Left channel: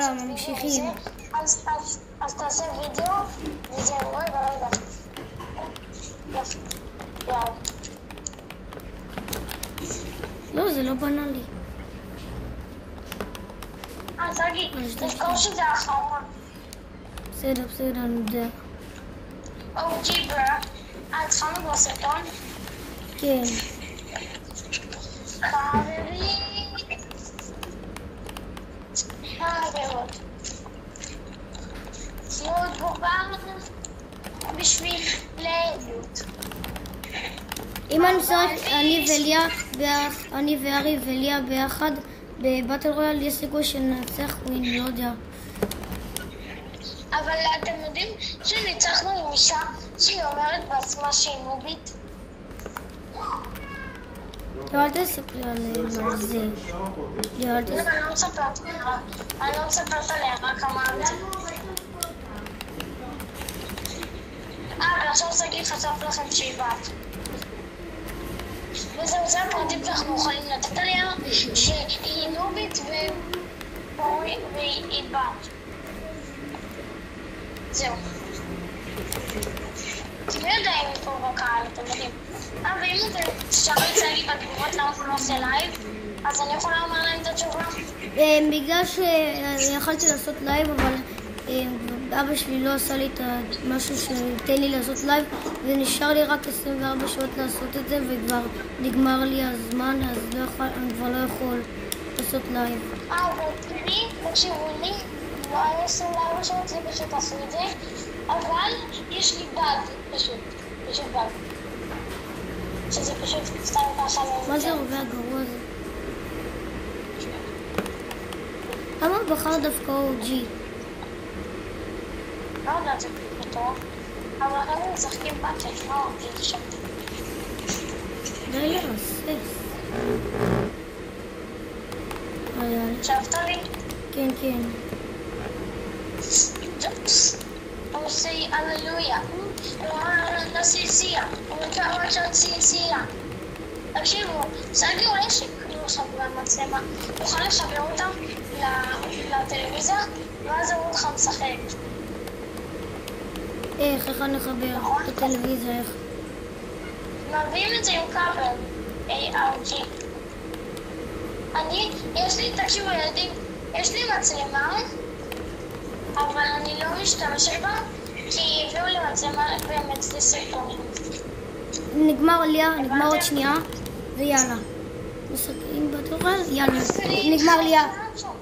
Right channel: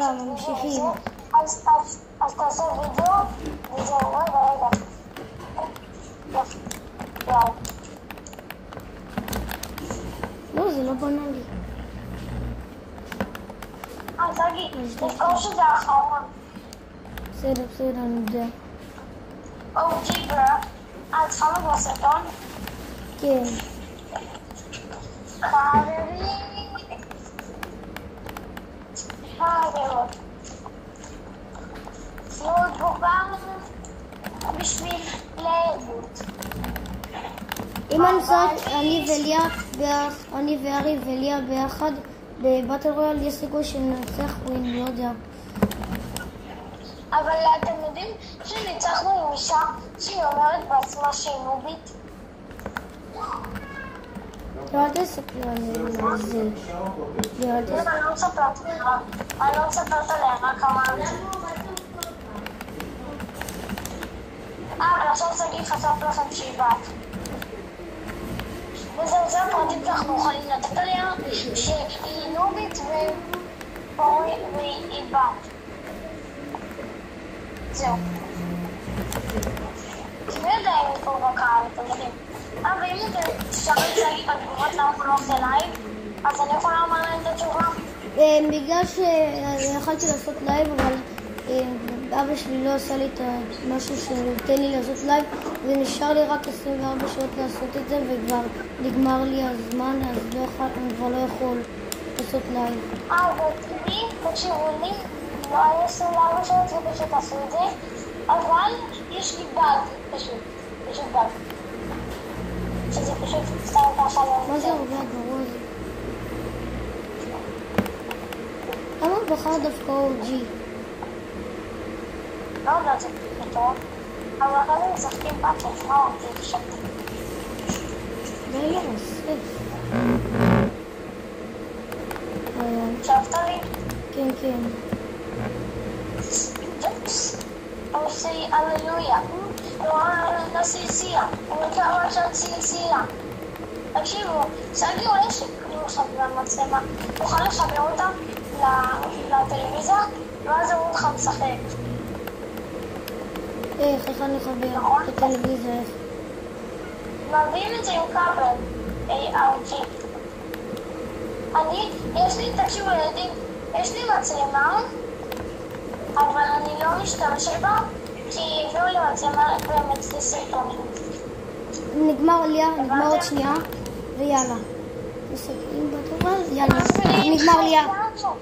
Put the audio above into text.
יאללה, ממשיכים. אז תעשה וידאו, וזהו, רגע. יאללה. לא, זה לא בנה לי. תגיד, תזכור שזה האחרון. בסדר, אני יודע. OG ברה, התחלנו כבר סרטון? כן. חברות. תנו תגובה בשביל לעדות. אם אני משחק, אני וארי וליה ביחד בבטל רויאל, יש סיכוי שננצח ווין, לא יודע. אבל אתם יודעים שניצחנו עם אישה שהיא אומרת בעצמה שהיא נובית? אל תספר עליהם על זה. אני לא מספרת עליה, רק אמרתי. ועכשיו סגי חשף לכם שהיא בת. וזהו, זה הפרטים שאנחנו יכולים לתת עליה, שהיא נובית והיא בת. זהו. תמיד יודע אם היא פה בקהל, אתם יודעים. ואם אתם תשאלו את סגי בתגובות למה הוא לא עושה לייב, אז אני יכולה לומר להם את התשובה? בגלל שיכולתי לעשות לייב, אבל אבא שלי לא עשה לי את משהו שתן לי לעשות לייב, ונשאר לי רק 24 שעות לעשות את זה, וכבר נגמר לי הזמן, אז אני כבר לא יכול לעשות לייב. תקשיבו לי, לא היה 24 שעות, זה פשוט עשו את זה, אבל יש לי בד, פשוט בד. שזה פשוט סתם ככה לא... מה זה הרבה הגרוע הזה? למה בחר דווקא OG? לא יודעת, זה טוב, אבל אחרי זה משחקים באטל, מה אותי עכשיו? די לרסס. הקשבת לי? כן. או say הללויה, לא סיסיה, הוא מקווה שאת סיסיה. תקשיבו, סגי עולה שקנו עכשיו במצלמה, תוכל לחבר אותם לטלוויזיה, ואז הוא אותך משחק. איך אני אחבר את הטלוויזיה? איך? מביאים את זה עם כבל, ARG. תקשיבו ילדים, יש לי מצלמה, אבל אני לא משתמשת בה, כי הביאו לי מצלמה באמת לסרטונים. נגמר עוד שנייה, ויאללה. משחקים בטוח, יאללה. נגמר ליה.